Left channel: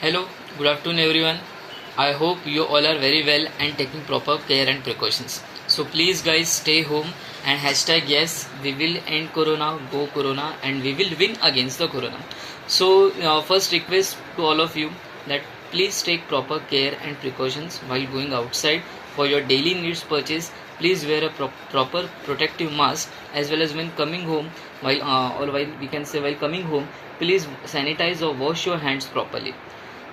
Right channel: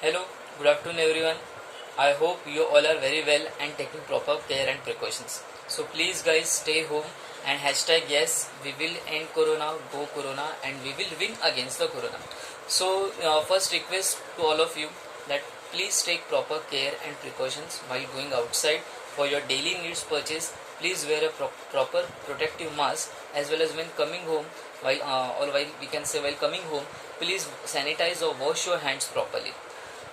Hello, good afternoon everyone. I hope you all are very well and taking proper care and precautions. So please guys stay home and hashtag yes, we will end corona, go corona and we will win against the corona. So first request to all of you that please take proper care and precautions while going outside for your daily needs purchase. Please wear a proper protective mask as well as when coming home while we can say while coming home please sanitize or wash your hands properly.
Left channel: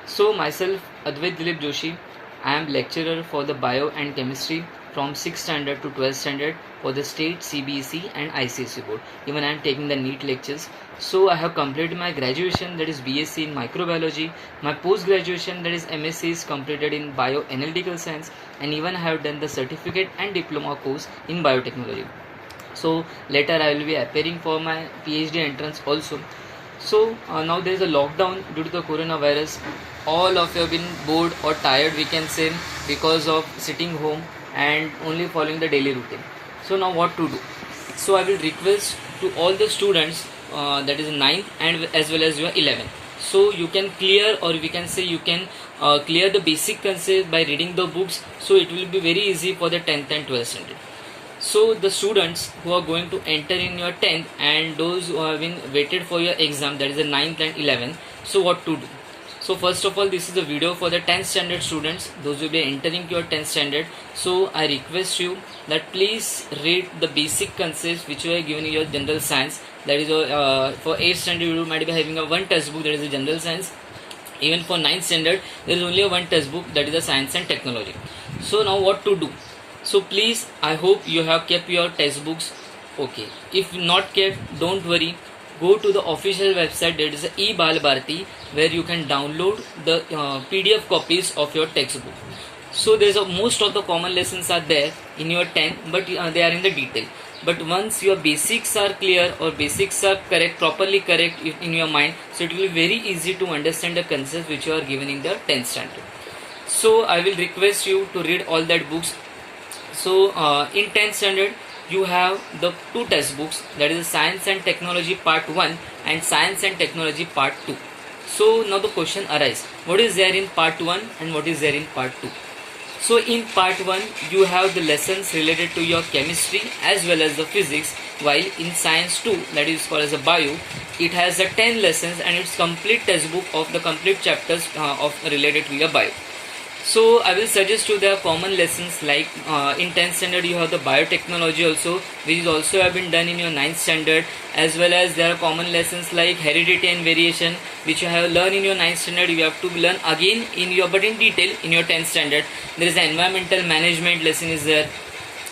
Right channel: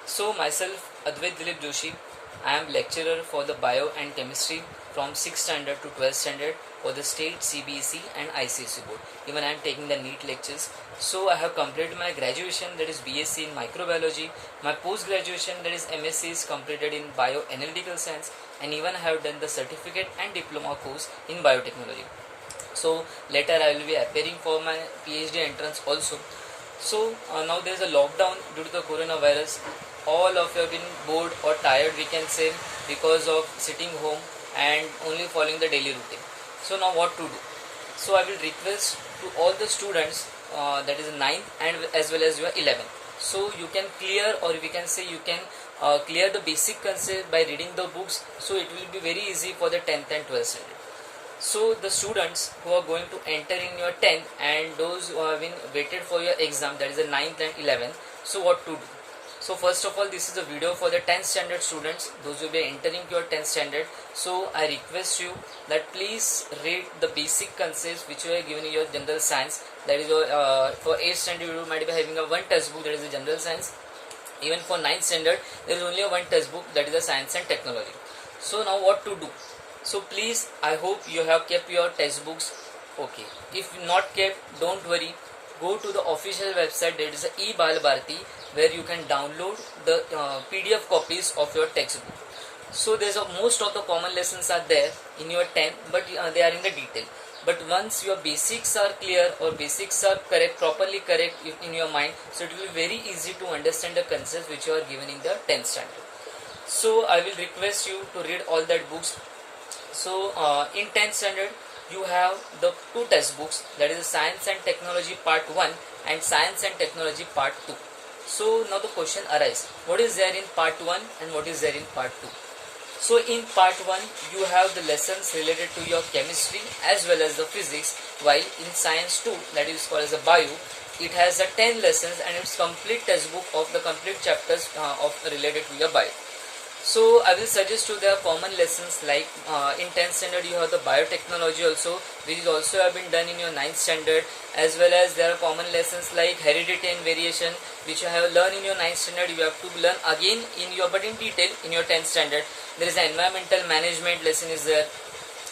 So myself Advait Dilip Joshi, I am lecturer for the bio and chemistry from 6th standard to 12th standard for the state CBSE and ICSE board. Even I am taking the NEET lectures. So I have completed my graduation, that is BSc in microbiology. My post graduation, that is MSc, is completed in bioanalytical science, and even I have done the certificate and diploma course in biotechnology. So later I will be appearing for my PhD entrance also. So now there is a lockdown due to the coronavirus. All of you have been bored or tired, we can say, because of sitting home and only following the daily routine. So now what to do? So I will request to all the students, that is 9th and as well as your 11th. So you can clear, or we can say you can clear the basic concept by reading the books. So it will be very easy for the 10th and 12th standard. So the students who are going to enter in your 10th and those who have been waited for your exam, that is the 9th and 11th, so what to do? So first of all, this is the video for the 10th standard students, those will be entering your 10th standard. So I request you that please read the basic concepts which you are given in your general science. That is for 8th standard you might be having a one textbook, that is the general science. Even for 9th standard there is only a one textbook, that is the science and technology. So now what to do? So please, I hope you have kept your textbooks. Okay, if not kept, don't worry, go to the official website, that is eBal Bharati, where you can download the PDF copies of your textbook. So there's most of the common lessons are there in your 10th, but they are in the detail. But once your basics are clear or basics are correct, properly correct in your mind, so it will be very easy to understand the concepts which you are given in the 10th standard. So I will request you to read all that books. So in 10th standard you have the two textbooks, that is science and technology part 1 and science and technology part 2. So now the question arises, what is there in part 1 and what is there in part 2? So in part 1 you have the lessons related to your chemistry as well as the physics, while in science 2, that is called as a bio, it has a 10 lessons and it's complete textbook of the complete chapters of related to your bio. So I will suggest you there are common lessons like in 10th standard you have the biotechnology also, which is also have been done in your 9th standard, as well as there are common lessons like heredity and variation, which you have learned in your 9th standard. You have to learn again in your, but in detail, in your 10th standard. There is an environmental management lesson is there.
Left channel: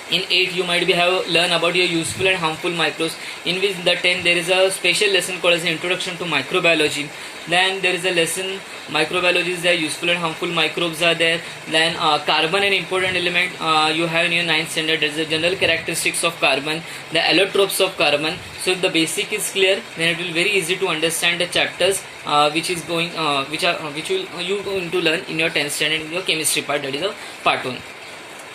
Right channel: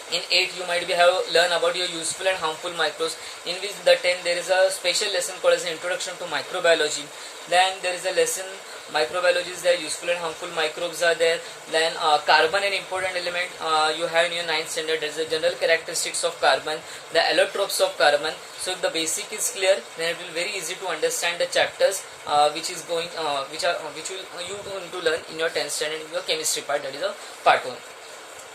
In 8 you might be have learn about your useful and harmful microbes, in which the 10 there is a special lesson called as an introduction to microbiology. Then there is a lesson microbiology is there, useful and harmful microbes are there. Then carbon and important element you have in your 9th standard. There is the general characteristics of carbon, the allotropes of carbon. So if the basic is clear, then it will be very easy to understand the chapters which is going which will you going to learn in your 10th standard in your chemistry part, that is a part 1.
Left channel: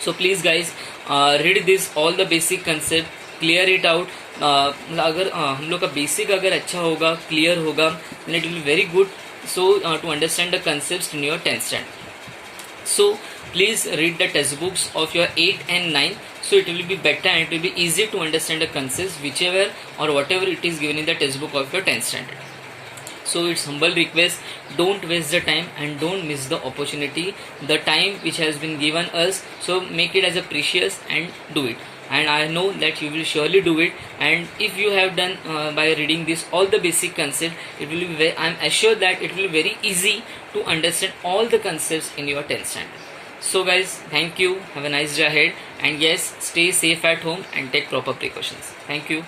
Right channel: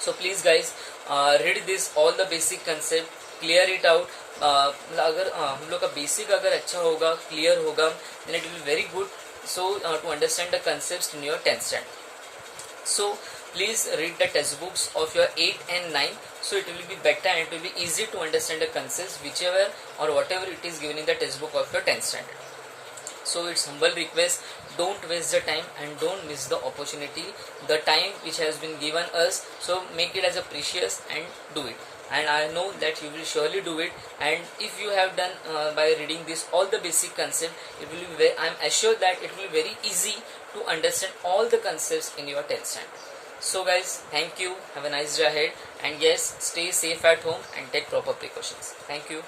So please guys read this all the basic concept, clear it out. अगर हम लोग का basic अगर अच्छा होगा, clear होगा, then it will be very good. So to understand the concepts in your 10th standard. So please read the textbooks of your 8 and 9. So it will be better and it will be easy to understand the concepts whichever or whatever it is given in the textbook of your 10th standard. So it's humble request, don't waste the time and don't miss the opportunity, the time which has been given us. So make it as a precious and do it, and I know that you will surely do it. And if you have done by reading this all the basic concepts, it will be very, I'm assured that it will be very easy to understand all the concepts in your 10th standard. So guys, thank you, have a nice day ahead, and yes, stay safe at home and take proper precautions. Thank you.